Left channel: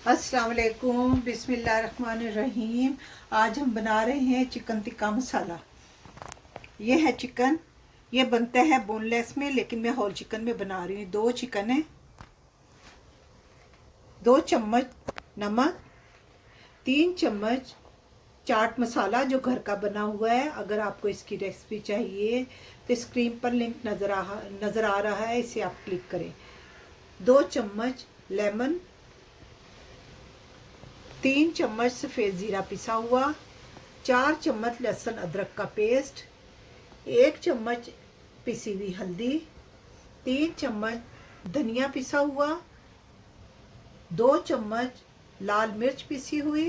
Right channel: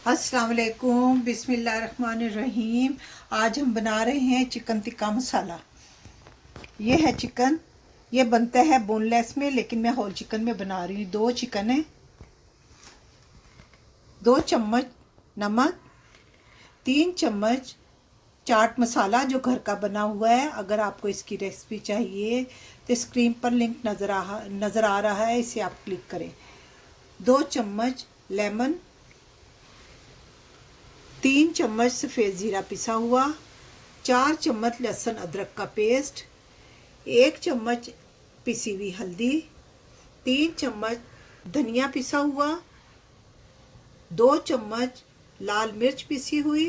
अस्सलाम वालेकुम, बिस्मिल्लाहिर्रहमानिर्रहीम। आज हम बना रहे हैं चिकन टिक्का मसाला। ये है चिकन। ये बनता है बोनलेस में, लेकिन मैं होल चिकन में बना रही हूँ। 2 चिकन है, 2 चम्मच नमक, 3 चम्मच चाट मसाला जो घर का बना हुआ है। अगर आपको इसकी रेसिपी चाहिए तो स्क्रीन पर लिंक नज़र आ रहा है, इसे आप क्लिक करें। 2 चम्मच लेमन, 3 चम्मच सफ़ेद ज़ीरा पिसा हुआ, 4 चम्मच लहसुन अदरक का पेस्ट, 1 चम्मच पिसी हुई हल्दी, 3 चम्मच धनिया पिसा हुआ, 2 चम्मच लाल मिर्च पिसी हुई,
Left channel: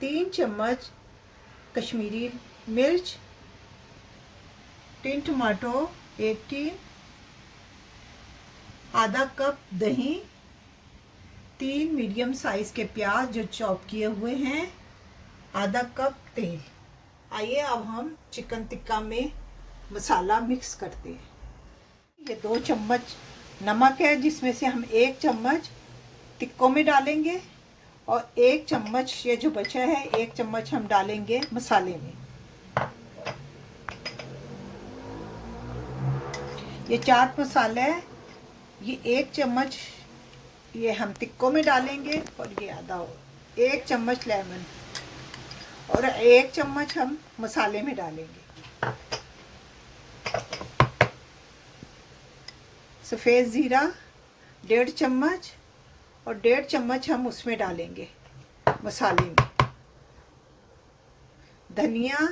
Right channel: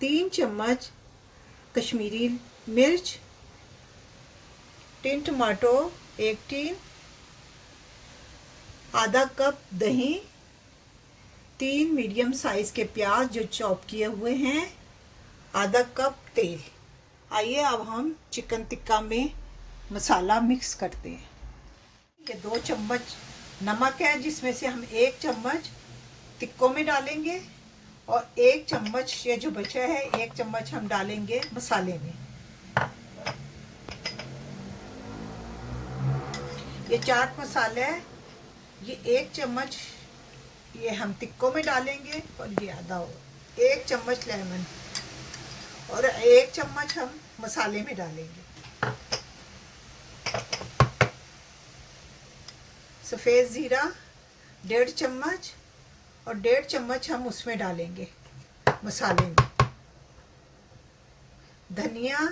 3 चम्मच कश्मीरी मिर्च, 3 टमाटो, 1 टीन, आधा कप दही, 3 मीडियम साइज़ के प्याज जो चॉप किए हुए हैं, आधा कप तेल। आइए अब हम चिकन टिक्का में मसाला मिक्स करते हैं। ये 2 चम्मच नमक है, जिसमें से हम 1 चम्मच टिक्कों में डालेंगे और 1 चम्मच ये जो बचा है 1 चम्मच हम डालेंगे मसाले में। ये चाट मसाला है, ये 1 चम्मच ये हम टिक्कों में डालेंगे और ये आधा हो 1 चम्मच लेमन और 1 चम्मच हम मसाले में डालेंगे। सफ़ेद ज़ीरा 1.5 चम्मच और 1.5 चम्मच हम उसमें डालेंगे मसाले में। धनिया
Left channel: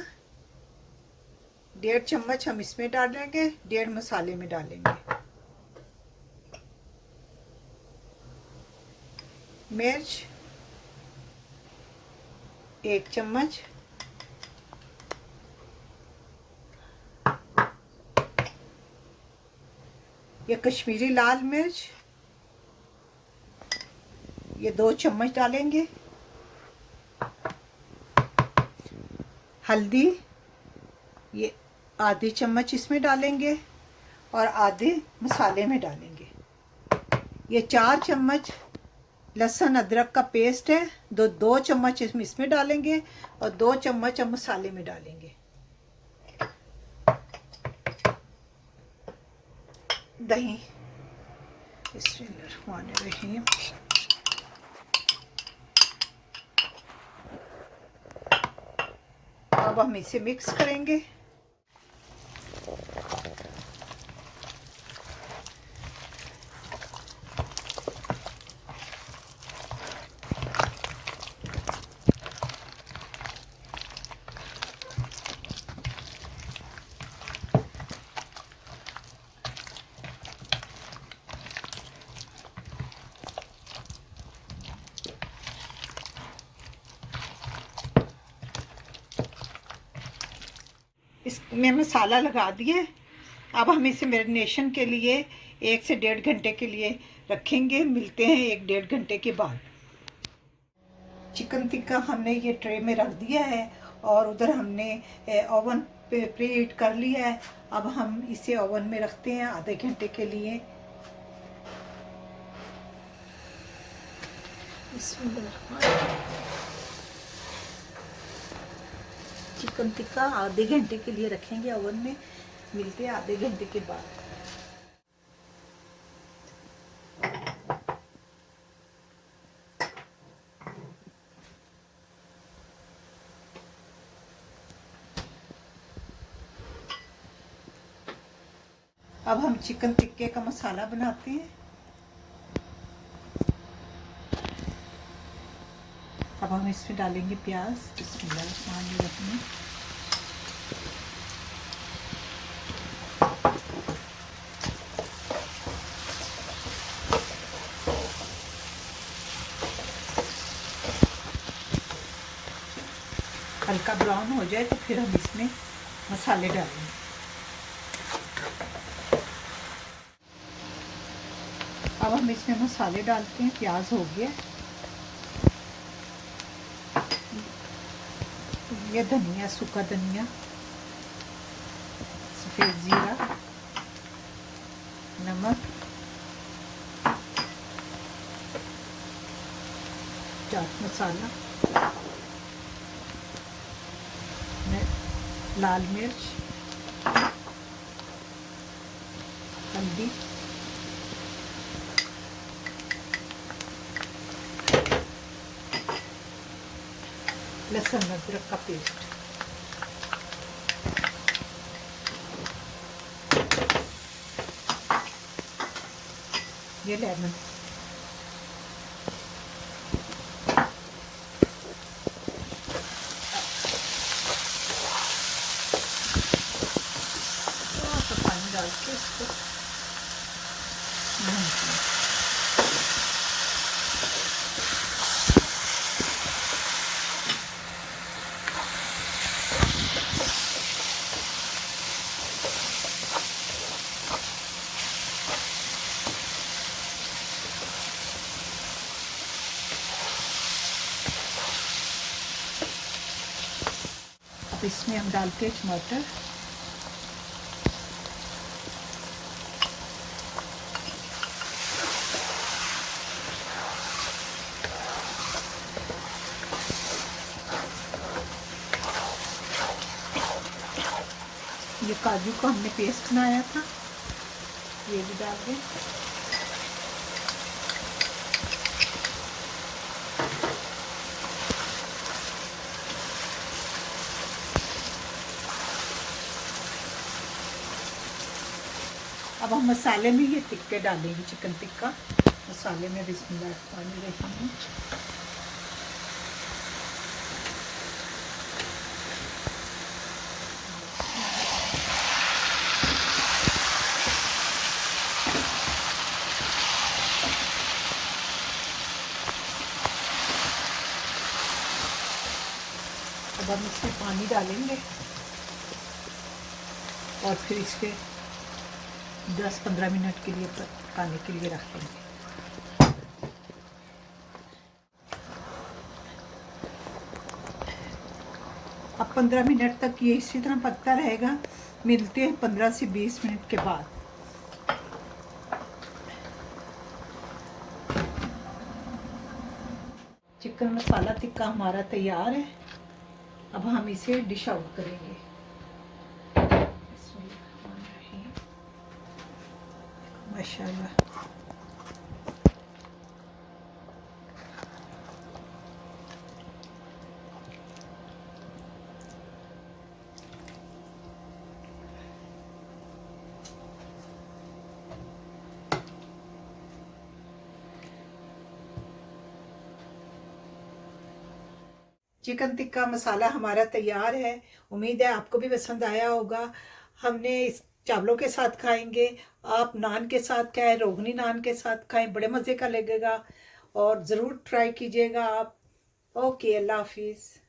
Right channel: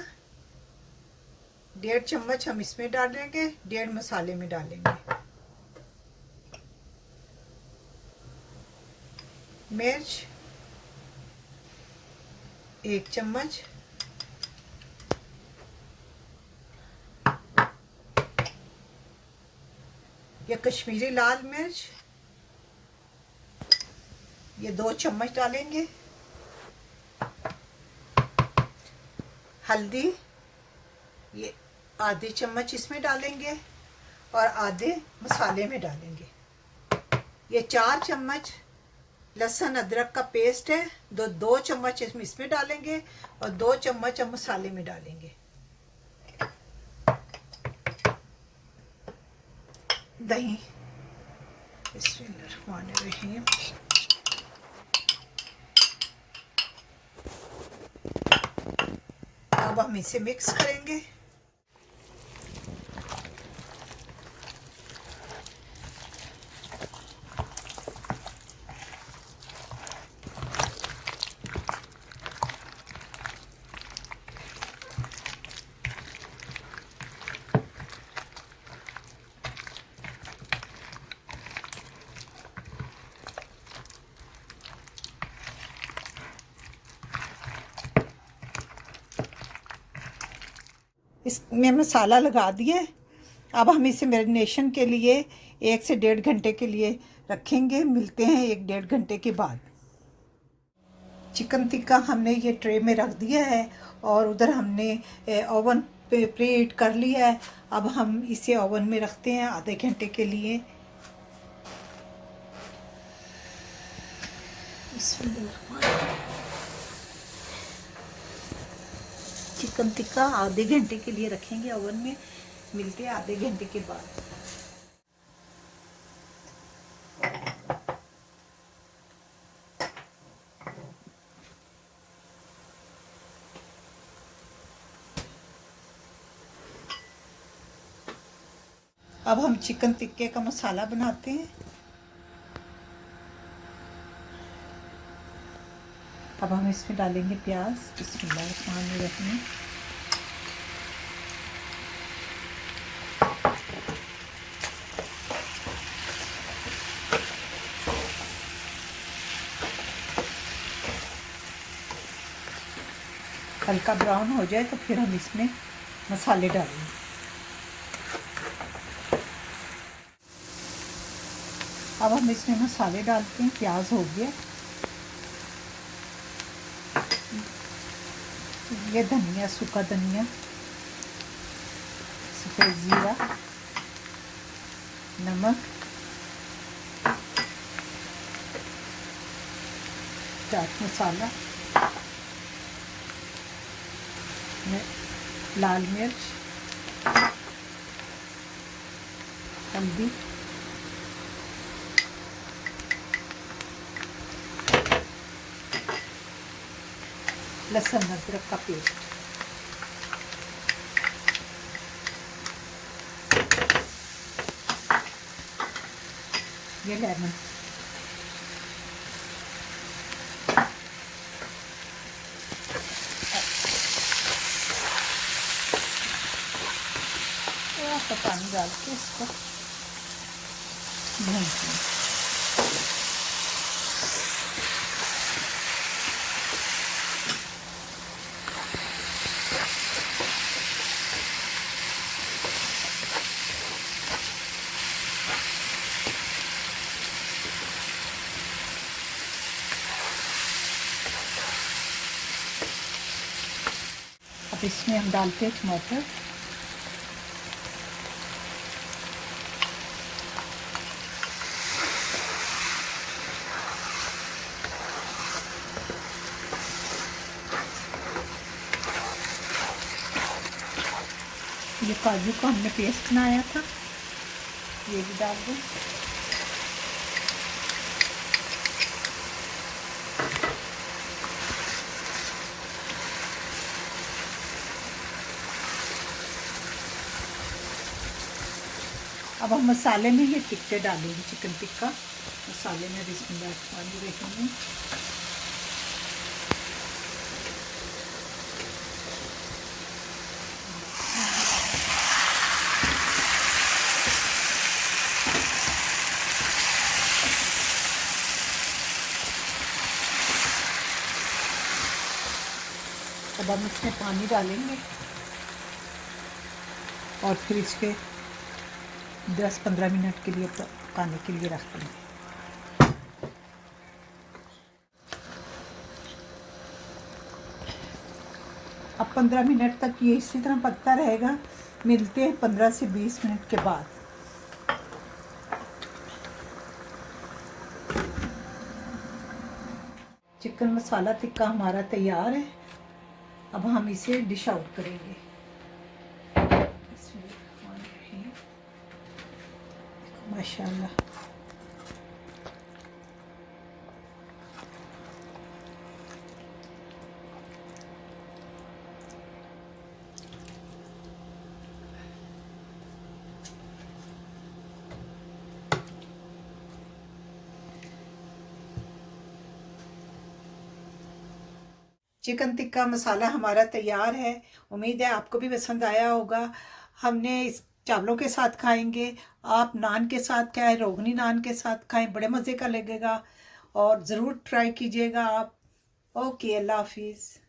1.5 चम्मच हम इसमें डालेंगे, 1.5 मसाले में डालेंगे। मिर्च 1 चम्मच, ये कश्मीरी लाल मिर्च ये 2 चम्मच डालेंगे। हल्दी ये आधी चम्मच इसमें डालेंगे और आधे मसाले में डालेंगे। ये 4 चम्मच लहसुन अदरक का पेस्ट है, 2 चम्मच इसमें डालेंगे और 2 चम्मच हम मसाले में डालेंगे। दही बिस्मिल्लाहिर्रहमानिर्रहीम। अब हम इसे मिक्स करेंगे। इसमें मसाला लगा दिए। अब हम इसे मैरिनेशन के लिए 1 से 1.5 घंटे के लिए रखेंगे। मिलते हैं 1-1.5 घंटे के बाद। चिकन टिक्का हमने ये ट्रे में रख दिया है और उधर हमने ओवन पे प्रीहीट कर लिया है। अब हम इसे ओवन में रखते हैं आधे घंटे के लिए। चिकन टिक्का आधे घंटे के लिए रखेंगे ओवन में। मिलते हैं आधे घंटे के बाद। अब हम चिकन टिक्के का मसाला बनाते हैं। अब हम इसमें डालेंगे प्याज। बिस्मिल्लाहिर्रहमानिर्रहीम। हल्का ब्राउन हो जाए तो फिर हम इसमें मसाले डालेंगे। अब हम इसमें मसाले डालते हैं। प्याज हो गया, ये धनिया, सूखा धनिया, सफ़ेद ज़ीरा, नमक, चाट मसाला, लाल मिर्च, हल्दी, लहसुन अदरक का पेस्ट, ये लेमन, थोड़ा सा पानी डाल के इसको भूनते हैं। अब इसमें हम डालते हैं टमाटर, ये काजू का हमने पेस्ट बनाया था, ये भी डाल दें। अब हम मसाले में ये टिक्के डालेंगे, चिकन टिक्का मसाले में बिस्मिल्लाह पानी रखेंगे। अब हम इसमें पानी डालेंगे और फिर इसके 10-15 मिनट के लिए पकाने के लिए रख देंगे। अब 15 मिनट तक ये इसी तरह पकता रहेगा। मिलते हैं 15 से 20 मिनट के बाद। चिकन मसाला टिक्का हमारा तैयार है। अब हम इसे डिश आउट करेंगे। माशाल्लाह। चिकन टिक्का मसाला हमारा तैयार है। उम्मीद है आपको भी पसंद आया होगा। हमने इस चावलों के साथ खाएंगे, आप नान के साथ खाएं, रोगनी नान के साथ खाएं, बड़े मज़े का लगेगा और ज़रूर ट्राई कीजिएगा आप। ओके, अल्लाह हाफिज़।